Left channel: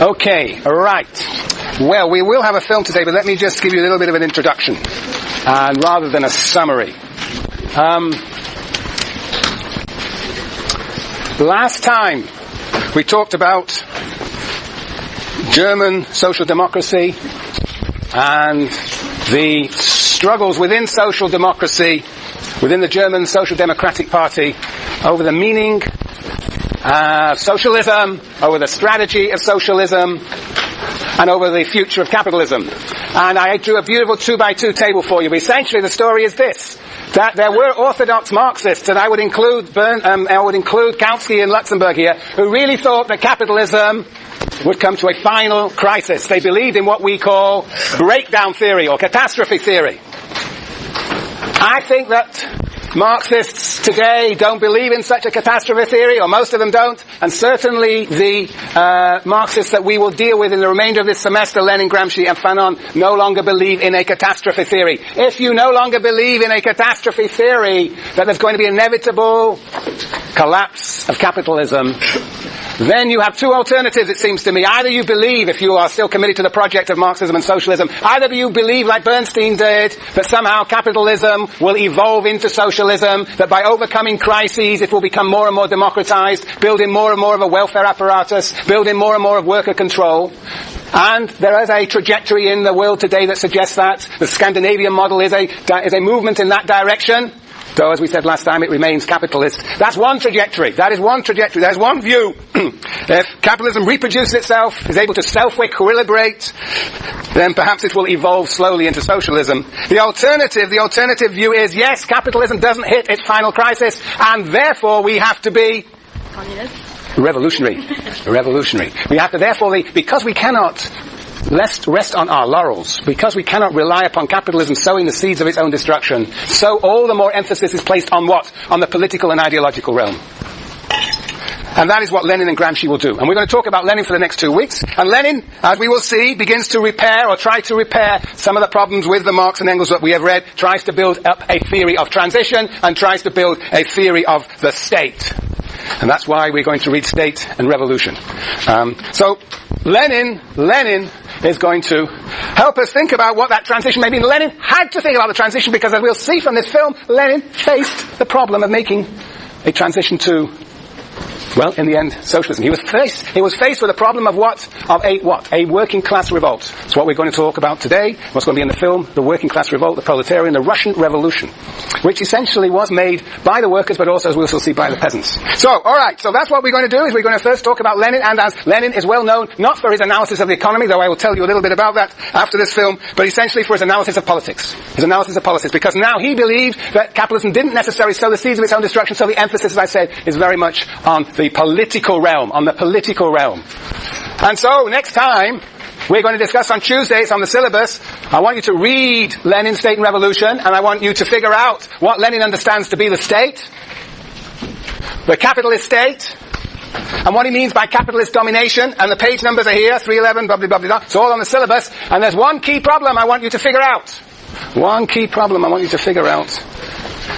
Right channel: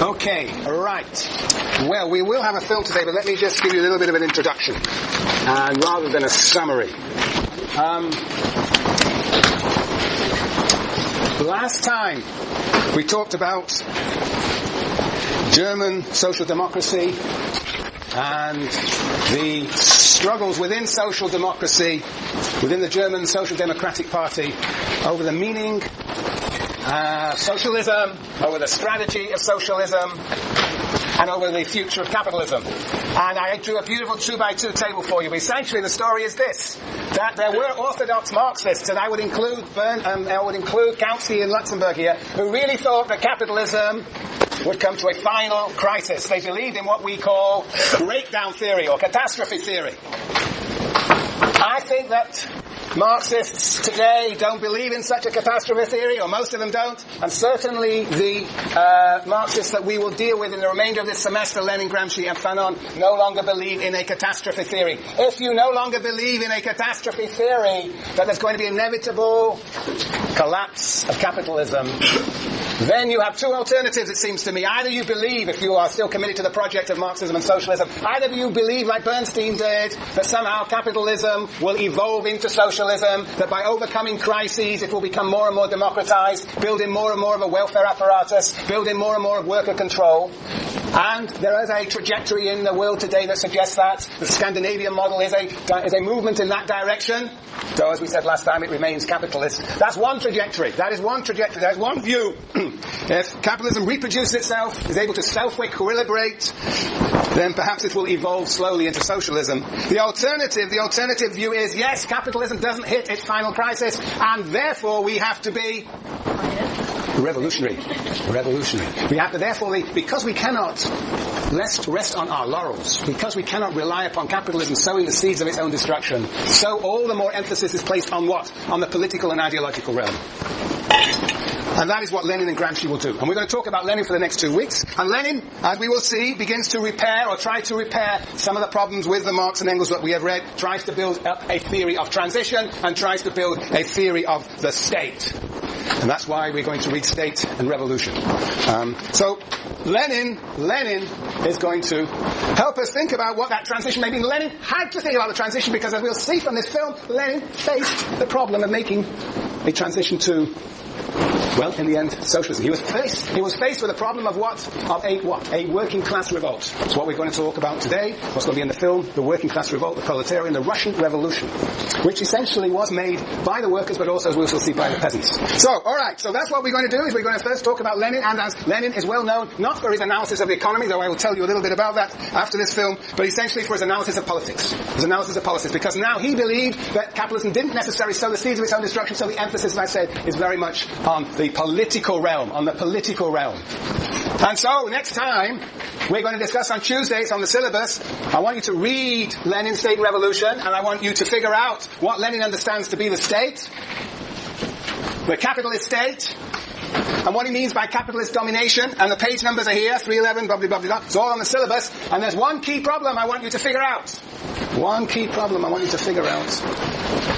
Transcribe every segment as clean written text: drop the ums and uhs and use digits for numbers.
Okay, right. Well, we will have a film today, but let me just give you a little bit of an introduction, rather than a summary. Last time we talked about German social democracy and the struggles within social democracy, within the German Social Democratic Party, over the meaning of socialism, over the strategy of socialism, and over the future of capitalism. And I drew a beautiful 2x2 table for you. Essentially, the story is this: that there were orthodox Marxists, and I would include Kautsky and Luxemburg here, who really thought that capitalism would come to a final crisis. They believed in what we call breakdown theory or catastrophe theory. I think that Marxists today don't believe in such a catastrophe theory, or most of them don't, and certainly the Marxists that we will deal with in the remainder of this semester, Lenin, Gramsci and Fanon, no longer believe in a catastrophe theory. If you no longer believe in a catastrophe theory, that there's going to be inevitable collapse of capitalism, then you have two alternatives, it seems to me. Either you believe, if you are still committed to the project of Marxism and socialism, either you believe, like Bernstein did, that somehow capitalism will evolve into socialism, that by overcoming crises it will become more and more democratized, building more and more of a welfare apparatus, building more and more of worker control. And there is a trajectory in the world today that suggests that. The Scandinavian model is a movement in that direction. Though, as we said last time, it remains capitalist. That's one trajectory. That is one trajectory. There's one view. If capitalism reproduces itself, is able to self-equilibrate, then perhaps it will evolve slowly into socialism. The alternative view is, yes, capitalism doesn't hit its final crisis, and therefore we have to be revolutionary. We have to therefore, because we cannot rest on our laurels, because we cannot rely upon capitalism sowing the seeds of its own destruction, so all the more emphasis is placed on what? On the political and ideological realm. And that is what Lenin and Gramsci will do. And we're going to talk about Lenin for the next 2 weeks. And Lenin, as we will see, begins to repair, or try to repair, some of the problems with the Marx and Engels that we have read, tries to build up a theory of transition, and tries to build a theory of the state. And that's why we're going to read State and Revolution. So Lenin is going to help us think about what that transition may mean. Lenin had to think about the transition because, as we'll see from this film, Lenin faced the problem of making a transition to, well, in the end, socialism. He was faced with a problem of what? Of a working class revolt. That's what we're going to talk about today. What's going to be in the film, the working class revolt, the proletarian, the Russian Revolution, which essentially was made by the workers, but also, as we'll see, by the peasants. So, alright, so that's what we're going to do, is we're going to first talk about Lenin, and as Lenin is well known, not for his analysis of the economy, though I will tell you a little bit about that after this film, but essentially for his analysis of politics. His analysis of politics, because now he believed that capitalism didn't necessarily sow the seeds of its own destruction, so the emphasis, as I said, is very much on the political realm, And so, next time, we're going to discuss on Tuesday, it's on the syllabus, I want you to read Lenin's State and Revolution, and I want you to figure out what Lenin understands to be the state, the capitalist state, and what he means by capitalist domination, and the page numbers are here, 311, blah, blah, blah, blah. It's all on the syllabus, and there's one key problem I want you to figure out.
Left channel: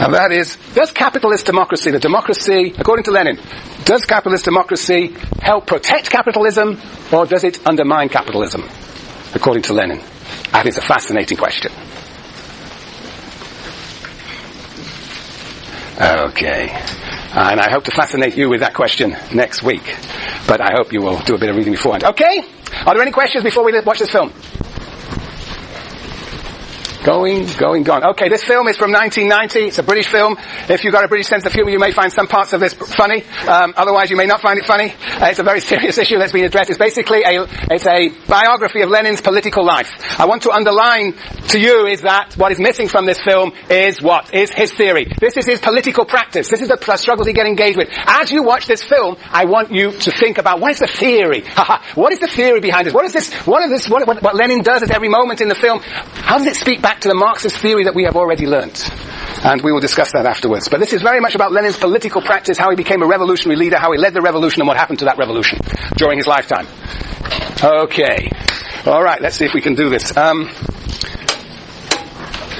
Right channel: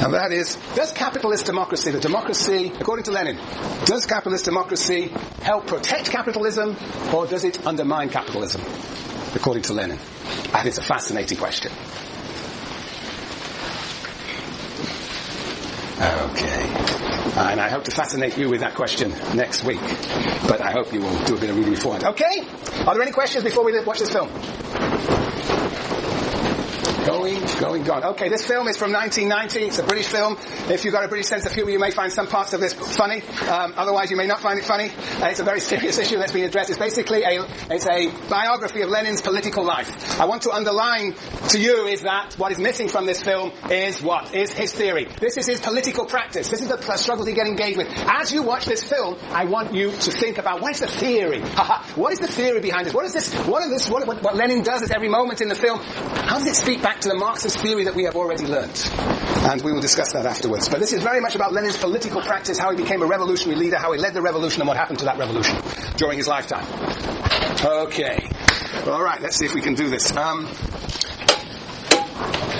And that is, does capitalist democracy, the democracy, according to Lenin, does capitalist democracy help protect capitalism, or does it undermine capitalism, according to Lenin? That is a fascinating question. Okay. And I hope to fascinate you with that question next week. But I hope you will do a bit of reading beforehand. Okay? Are there any questions before we watch this film? Going. Okay, this film is from 1990. It's a British film. If you've got a British sense of humour, you may find some parts of this funny. Otherwise, you may not find it funny. It's a very serious issue that's been addressed. It's basically a biography of Lenin's political life. I want to underline to you is that what is missing from this film is what? Is his theory. This is his political practice. This is the struggles he gets engaged with. As you watch this film, I want you to think about what is the theory? What is the theory behind this? What Lenin does at every moment in the film? How does it speak back to the Marxist theory that we have already learnt? And we will discuss that afterwards. But this is very much about Lenin's political practice, how he became a revolutionary leader, how he led the revolution, and what happened to that revolution during his lifetime. Okay. All right, let's see if we can do this.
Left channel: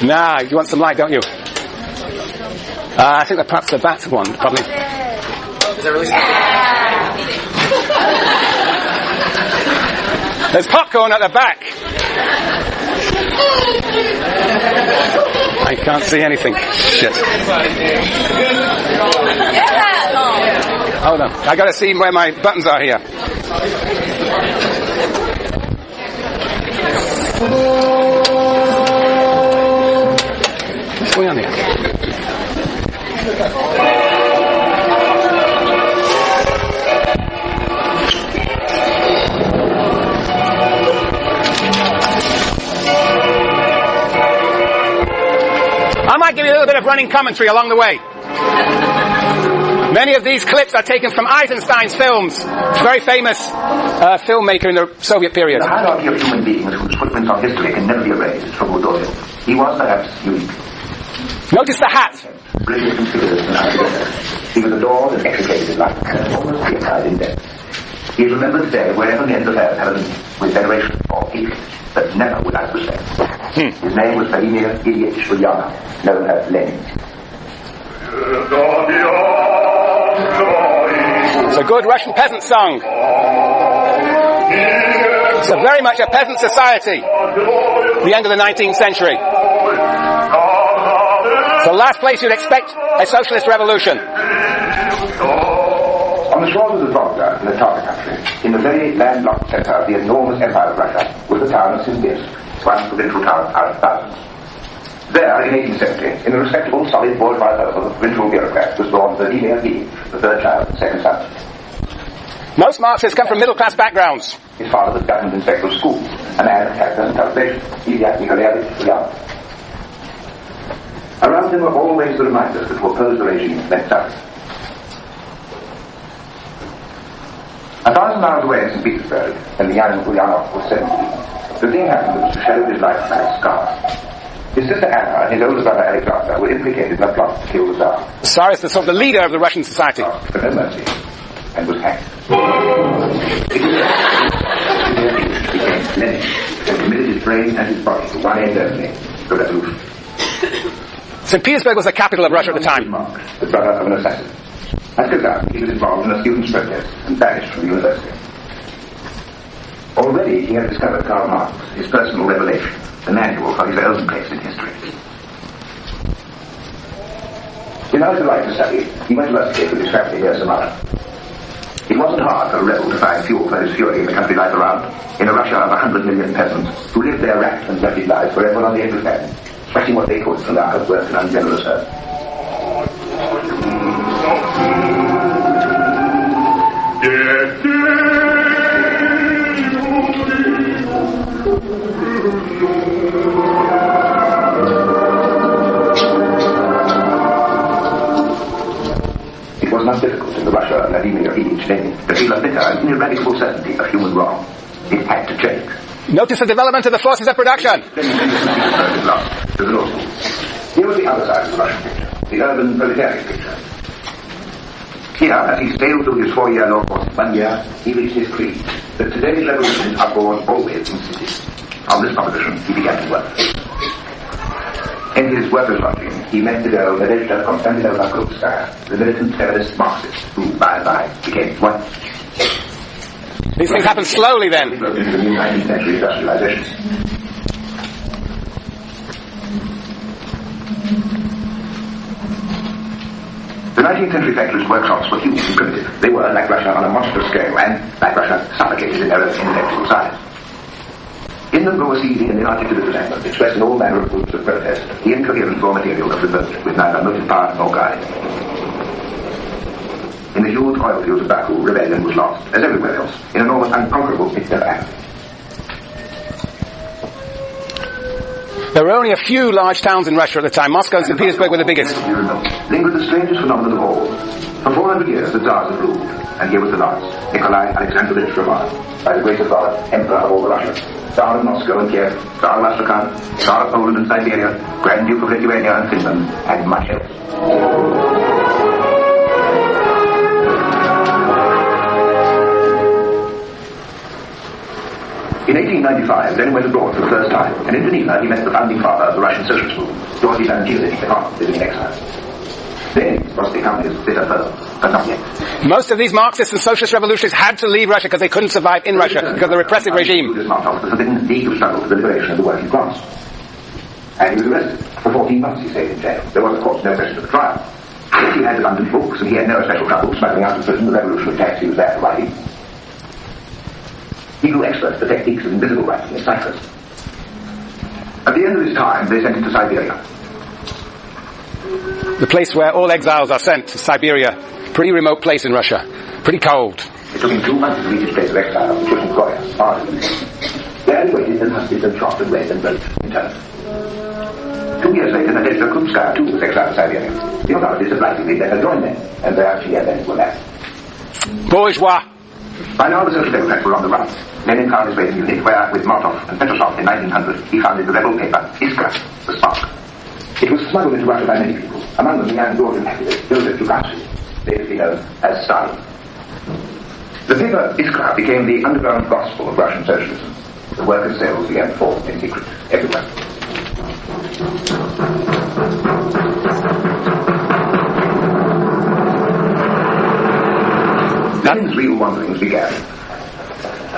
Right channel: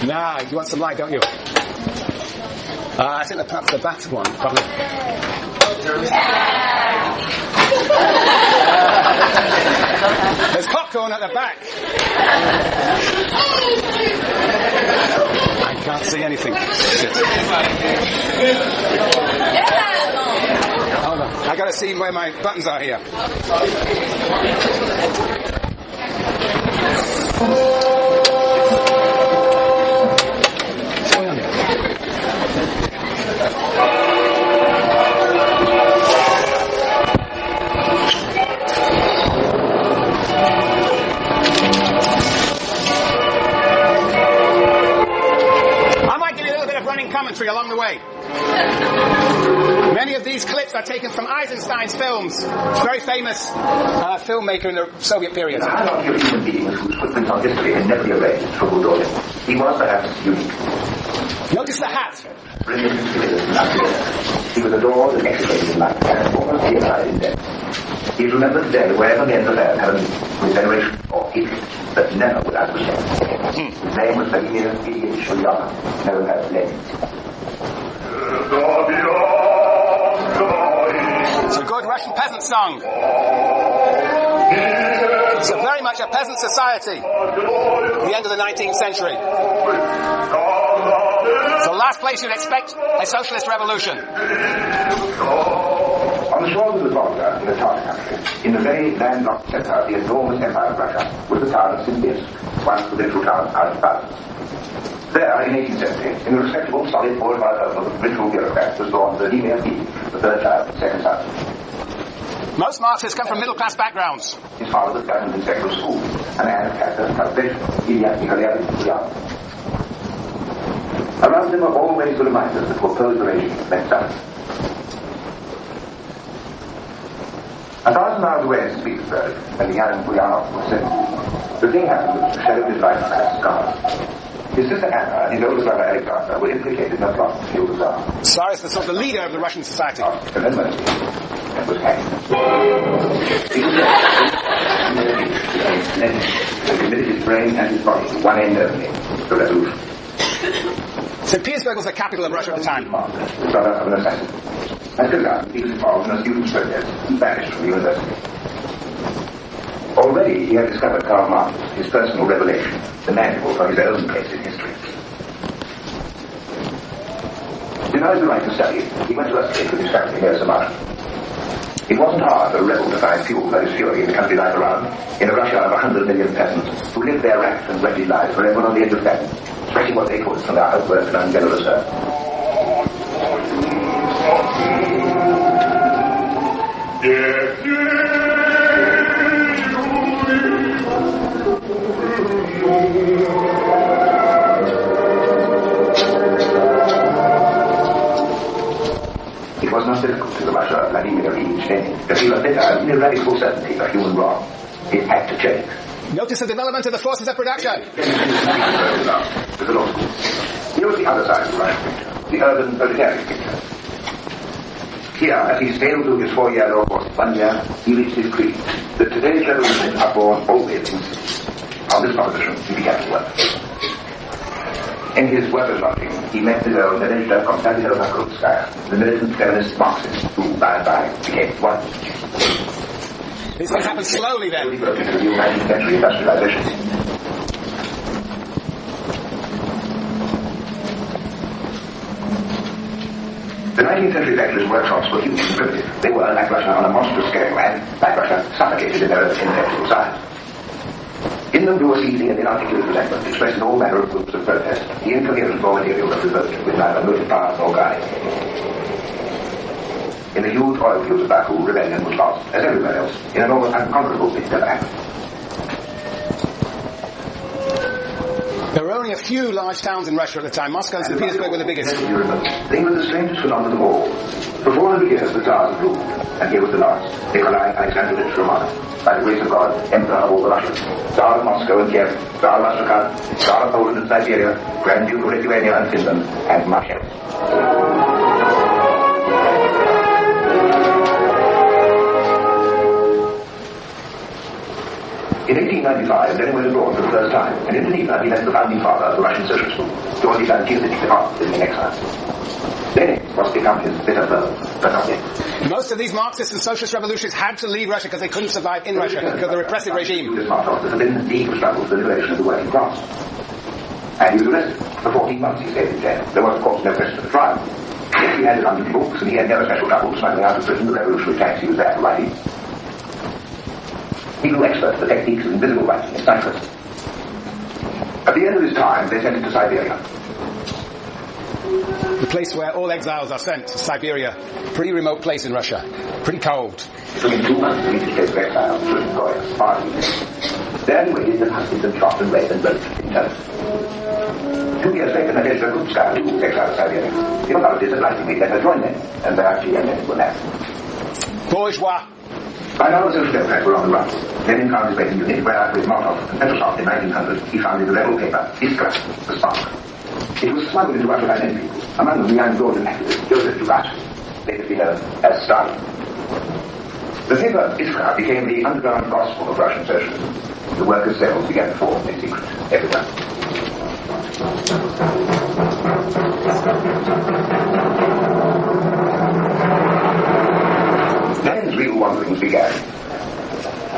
You want some light, don't you? I think that perhaps the bat one, probably. Is that really microphone at the back. I can't see anything. Shit. Hold on. I got to see where my buttons are here. What's going on here? I might give you a little bit of running commentary along the way. Many of these clips are taken from Eisenstein's films. Very famous filmmaker in the Soviet period. The hierarchy of human beings whose footprints on history can never be erased from Buddha. He was perhaps unique. Notice the hat. Brilliant and fearless and ideal. He was adored and execrated in life and almost deified in death. He is remembered today wherever men of earth have with veneration or hatred, but never without respect. His name was Vladimir Ilyich Ulyanov, known as Lenin. It's a good Russian peasant song. It's very much a peasant society. The end of the 19th century. It's the last place you'd expect a socialist revolution. On the shores of the Volga, in the Tartar country, in the very landlocked center of the enormous empire of Russia, was the town of Simbirsk, once the provincial town out of thousands. There, in 1870, in the respectable, solid, bourgeois home of the provincial bureaucrat, was born Vladimir V, the third child and second son. Most Marxists come from middle-class backgrounds. His father was government inspector of schools, a man of character and cultivation, Ilya Nikolaevich Ulyanov. Around him were always the reminders that to oppose the regime meant suffering. 1,000 miles away in St. Petersburg, when the young Ulyanov was 17, the thing happened that shadowed his life like a scar. His sister Anna and his older brother Alexander were implicated in a plot to kill the Tsar. The Tsar is the sort of the leader of the Russian society. For no mercy, and was hanged. Lenin committed his brain and his body to one end only, the revolution. St. Petersburg was the capital of Russia at the time. Mark, the brother of an assassin. Until now, he was involved in a student's protest and banished from the university. Already he had discovered Karl Marx, his personal revelation, the manual for his own place in history. Denied the right to study, he went to Russia with his family near Samara. It wasn't hard for a rebel to find fuel for his fury in the country life around, in a Russia of 100 million peasants who lived their racked and wretched lives forever on the edge of famine, stretching what they could from their outworked and ungenerous earth. It was not difficult in the Russia of Vladimir Ilyich Lenin to feel a bitter and ineradicable certainty of human wrong. It had to change. Notice the development of the forces of production. To the law school. Here was the other side of the Russian picture, the urban proletariat picture. Here, as he sailed through his 4-year law course in 1 year, he reached his creed, that today's revolutions are born always in cities. On this proposition, he began to work. In his workers' lodging, he met the girl Nadezhda Konstantinovna Krupskaya, the militant feminist Marxist, who by and by became his wife. These things happen slowly then. In the new 19th century industrialization. The 19th century factories' workshops were huge and primitive. They were, like Russia, on a monstrous scale, and, like Russia, suffocated in their own intellectual size. In them grew a seething and inarticulate resentment, expressing all manner of groups of protest, the incoherent raw material of revolt, with neither motive power nor guide. In the huge oil fields of Baku, rebellion was lost, as everywhere else, in an almost unconquerable pit of anger. There were only a few large towns in Russia at the time. Moscow and St. Petersburg were the biggest. Lingered the strangest phenomenon of all. For 400 years the Tsars had ruled, and here was the last, Nikolai Alexandrovich Romanov, by the grace of God, Emperor of all the Russians, Tsar of Moscow and Kiev, Tsar of Astrakhan, Tsar of Poland and Siberia, Grand Duke of Lithuania and Finland, and much else. In 1895, Lenin went abroad for the first time, and in Geneva he met the founding father of the Russian socialist movement, Georgy Lenin000, living in exile. Lenin was the communist bitter foe, but not yet. Most of these Marxist and socialist revolutionaries had to leave Russia because they couldn't survive in Russia because of the repressive regime. This Martov was in league of struggle for the liberation of the working class. And he was arrested. For 14 months he stayed in jail. There was, of course, no question of a trial. He had abundant books, and he had no special trouble smuggling out of prison the revolutionary text he was there writing. He grew expert at the techniques of invisible writing in ciphers. At the end of his time, they sent him to Siberia. The place where all exiles are sent, to Siberia. Pretty remote place in Russia. Pretty cold. It took him 2 months to reach his place of exile, which was in Goya, Ireland. There he waited and hunted and shot and read and wrote in turn. 2 years later, Nadezhda Krupskaya too was exiled to Siberia. The authorities obligingly let her join them, and there she and Lenin were left. Bourgeois. By now the Social Democrats were on the run. Lenin found his way to Munich, where, with Martov and Petrosov in 1900, he founded the rebel paper Iskra, the Spark. It was smuggled into Russia by many people, among them the young Georgian activist Joseph Dukashin, famously known as Stalin. The paper Iskra became the underground gospel of Russian socialism. The workers' cells began to form in secret everywhere. Lenin's real wanderings began.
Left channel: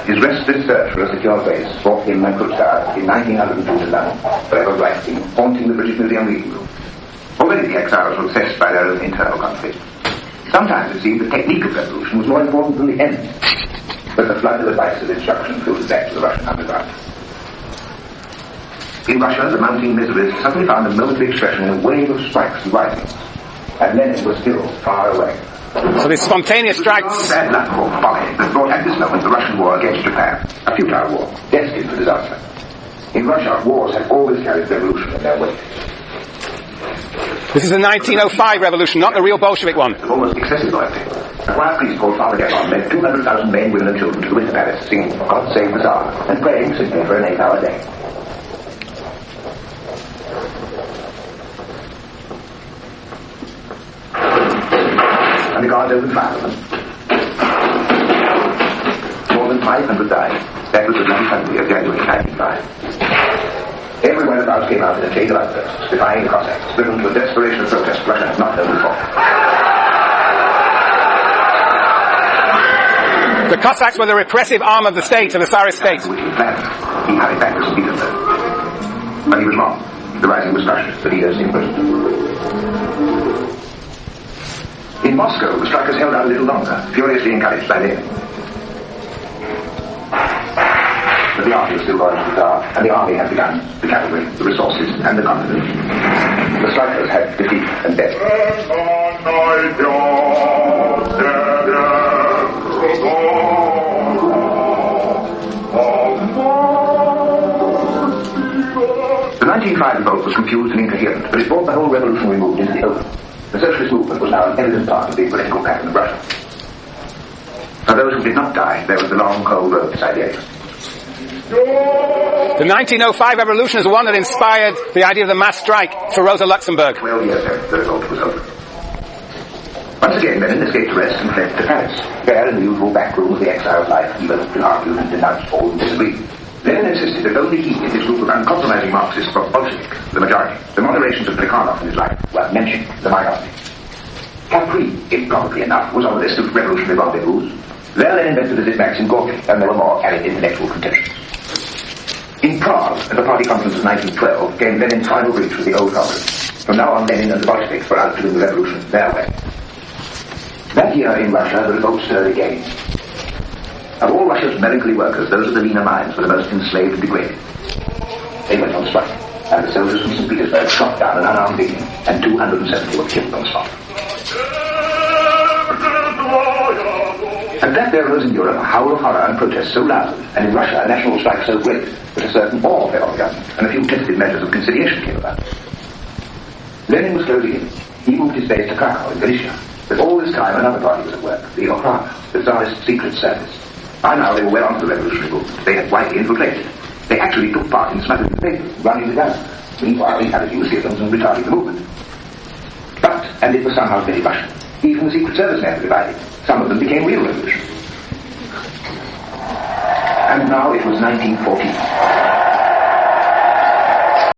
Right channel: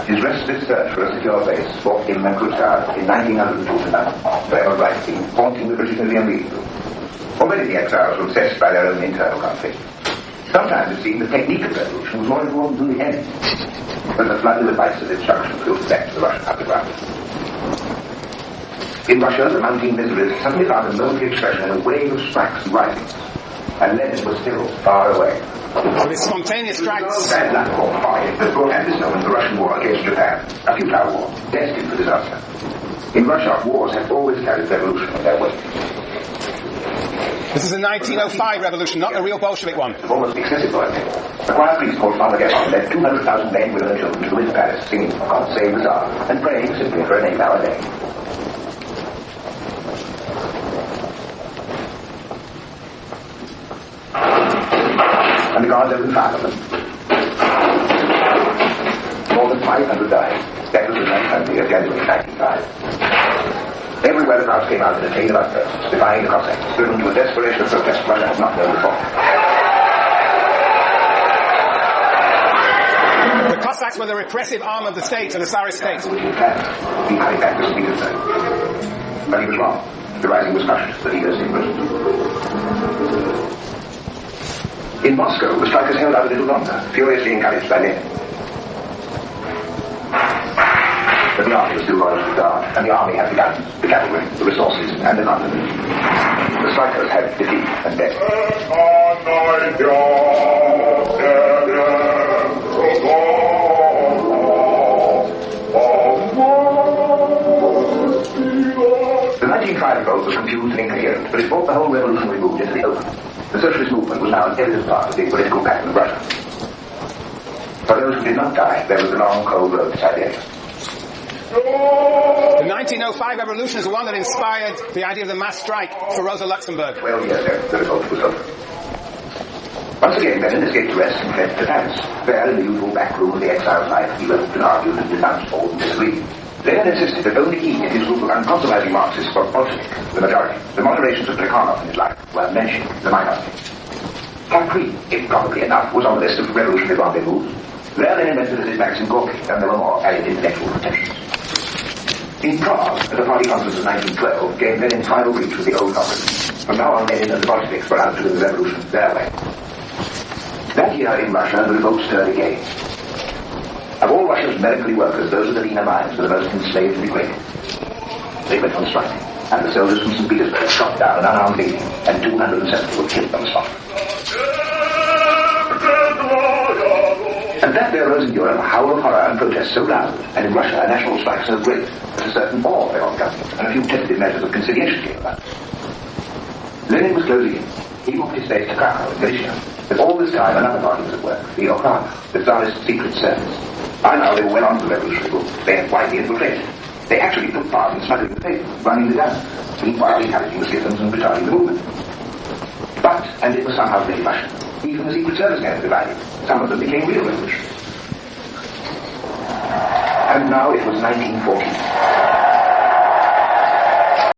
His restless search for a secure base brought him and Krupskaya in 1902 to London, forever writing, haunting the British Museum reading room. Already the exiles were obsessed by their own internal conflict. Sometimes it seemed the technique of revolution was more important than the end. But the flood of advice and instruction filtered back to the Russian underground. In Russia, the mounting miseries suddenly found a momentary expression in a wave of strikes and risings, and Lenin was still far away. So these spontaneous strikes. Bad luck or folly that brought at this moment the Russian war against Japan, a futile war, destined for disaster. In Russia, wars have always carried revolution in their wake. This is the 1905 revolution, not the real Bolshevik one. Almost excessive loyalty. A quiet priest called Father Gaffron led 200,000 men, women and children to the Winter Palace, singing God Save the Tsar, and praying simply for an 8-hour day. And the guards opened fire on them. More than 500 died. That was the 9th of January 1905. Everywhere the crowds came out in a chain of outbursts, defying the Cossacks, driven to a desperation of protest Russia had not known before. The Cossacks were the repressive arm of the state, of the Tsarist state. Which he planned. He hurried back to St. Petersburg. But he was wrong. The rising was crushed, the leaders imprisoned. In Moscow, the strikers held out a little longer, furiously encouraged by Lenin. But the army was still going to the guard, and the army had the guns, the cavalry, the resources, and the confidence. The strikers had defeat and death. The 1905 revolt was confused and incoherent, but it brought the whole revolutionary movement into the open. The socialist movement was now an evident part of the political pattern of Russia. For those who did not die, there was the long, cold road to Siberia. The 1905 revolution is the one that inspired the idea of the mass strike for Rosa Luxemburg. 12 years ago, the revolt was over. Once again, Lenin escaped arrest and fled to Paris. There, in the usual back room of the exile's life, he developed and argued and denounced all and disagreed. Lenin insisted that only he and his group of uncompromising Marxists were Bolshevik, the majority. The moderations of Plekhanov in his life were mentioned, the minority. Capri, improbably enough, was on the list of revolutionary rendezvous. There Lenin met with his Maxim Gorky, and there were more added intellectual contentions. In Prague, at the party conference of 1912, came Lenin's final breach with the old Congress. From now on, Lenin and the Bolsheviks were out doing the revolution their way. That year in Russia, the revolt stirred again. Of all Russia's melancholy workers, those of the leaner mines were the most enslaved and degraded. They went on strike, and the soldiers from St. Petersburg shot down an unarmed legion, and 270 were killed on the spot. And that there arose in Europe a howl of horror and protest so loud, and in Russia a national strike so great, that a certain awe fell on the government, and a few tentative measures of conciliation came about. Lenin was closing in. He moved his base to Krakow in Galicia. But all this time another party was at work, the Okhrana, the Tsarist secret service. By now they were well on to the revolutionary movement. They had widely infiltrated. They actually took part in smuggling the papers, running the guns, meanwhile encouraging the citizens and retarding the movement. But, and it was somehow very Russian, even the secret service men divided. Some of them became real revolutionaries. And now it was 1914.